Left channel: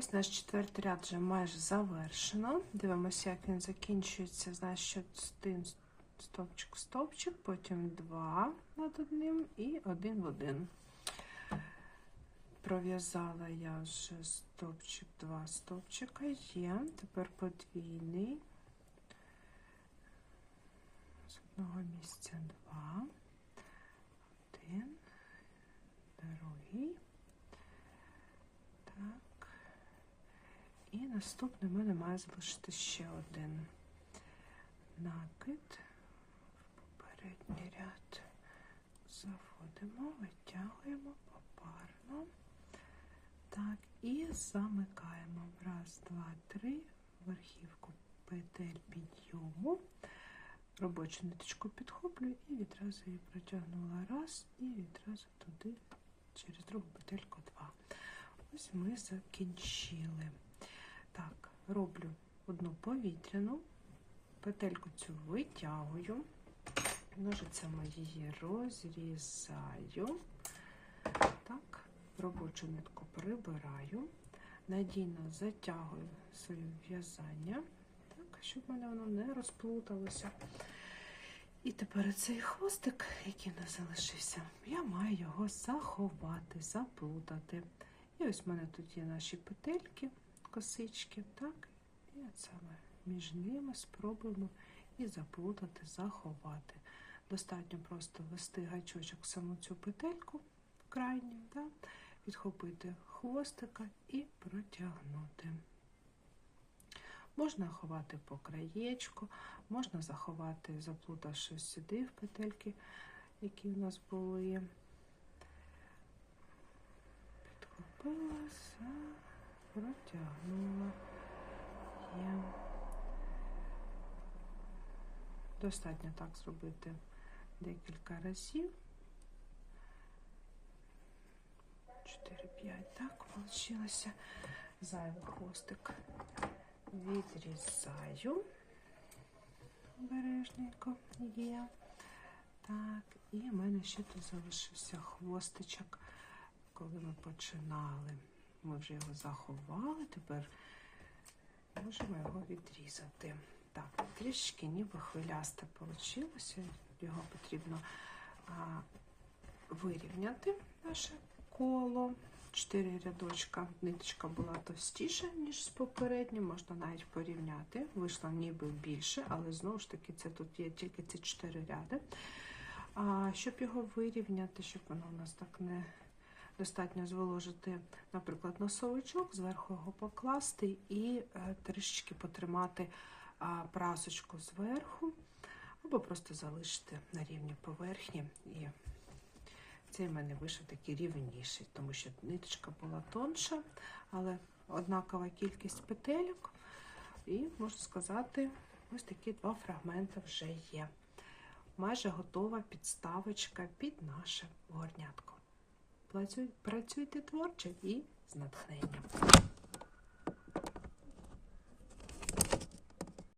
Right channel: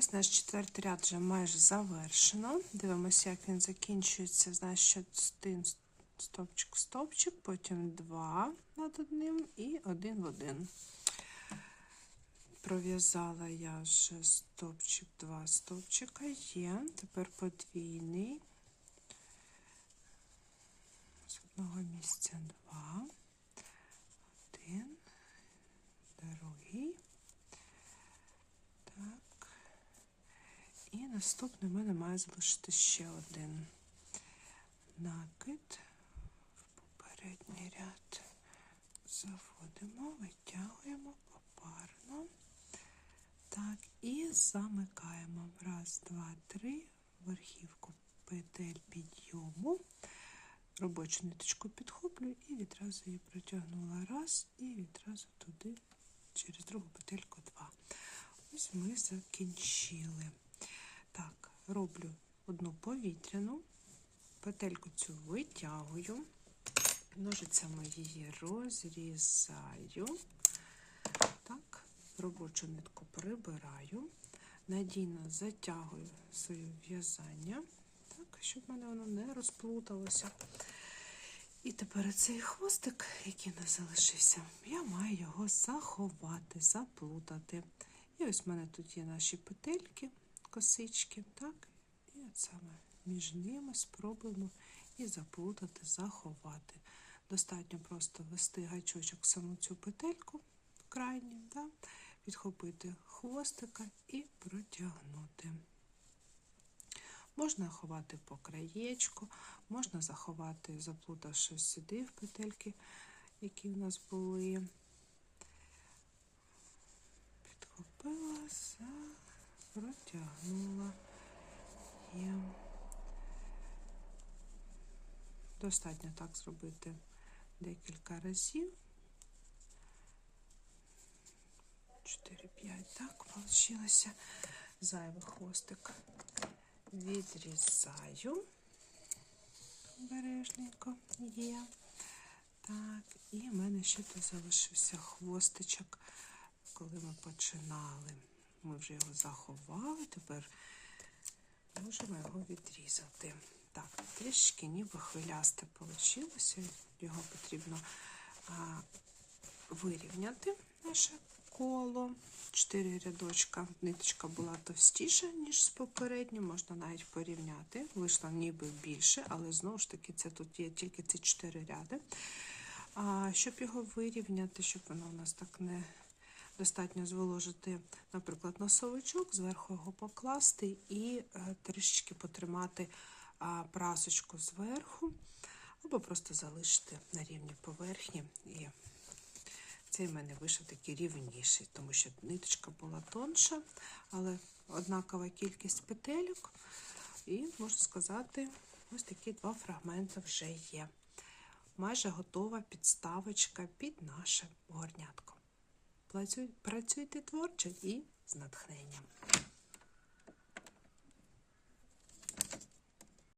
ось наш четвертий ряд вже майже завершено. Дивимося, як він закінчується. Значить, один стовпчик, стовпчик, потім два над одним і один в один. Пров'язала я вже стовпчик, два стовпчика є. Тепер подвійний. З одного місця два. Один, другий. Так. І наступний в мене має залишити ще один накид в попередній ряд. Заводимо, витягуємо попарно. Так, і замикаємо. Раз, два, три. Верхівку петель підйому. Робочу ниточку підхоплюю і відразу її протягнула раз, і відразу туди, через другу петельку два. Ось ми закінчили. Роблю одну повітряну, петельку цю витягую, ножицями її розрізаю. Так, робочу нитку прибираю, надійно затягую своє в'язання, так, щоб мене воно не розплуталося. І тепер цей хвостик, який у нас залишився, я маю його заховати, заплутати. І ось в мене тут є наші петельки, косички, так? І от саме між ними спробуємо і заплутати, заховати. Достатньо просто ввести гачочок в саму цю петельку крайню, да? підхопити хвостика і протягнути. Можна ховати по краєчку, можна заховати, заплутавши сюди в петельки, які в нас були. Підхопилася, протягнула. Є. Достатньо так зробити декілька разів. 4-5, так, вийшло. Зайвий хвостик відрізаю. Обережненько є. Так, і в мене ще тут залишився хвостичок, коли ми починали. Ми вже його заховали, тепер можемо його відрізати. Трішки ніби хвилясте вийшло. Його потрібно а, вирівняти наше коло. Чотири рядочка. Ниточка була товстіша, ніж з попереднім, можна навіть порівняти. Вийшло ніби більше, але знову ж таки, це тут є тільки ці чотири ряди. А, Щоб його вирівняти, щоб воно у нас так не достатньо зволожити, наприклад, носовичок, зверху його покласти і е, трішечки потримати прасочку зверху, або просто залишити на рівні поверхні. І цей в мене вийшов такий рівніший, тому що ниточка була тонша, але однакова кількість петельок. І, можна сказати, ось такі два фрагменти вже є. Майже готова підставочка під наше горнятко. Працюйте творче і з натхненням.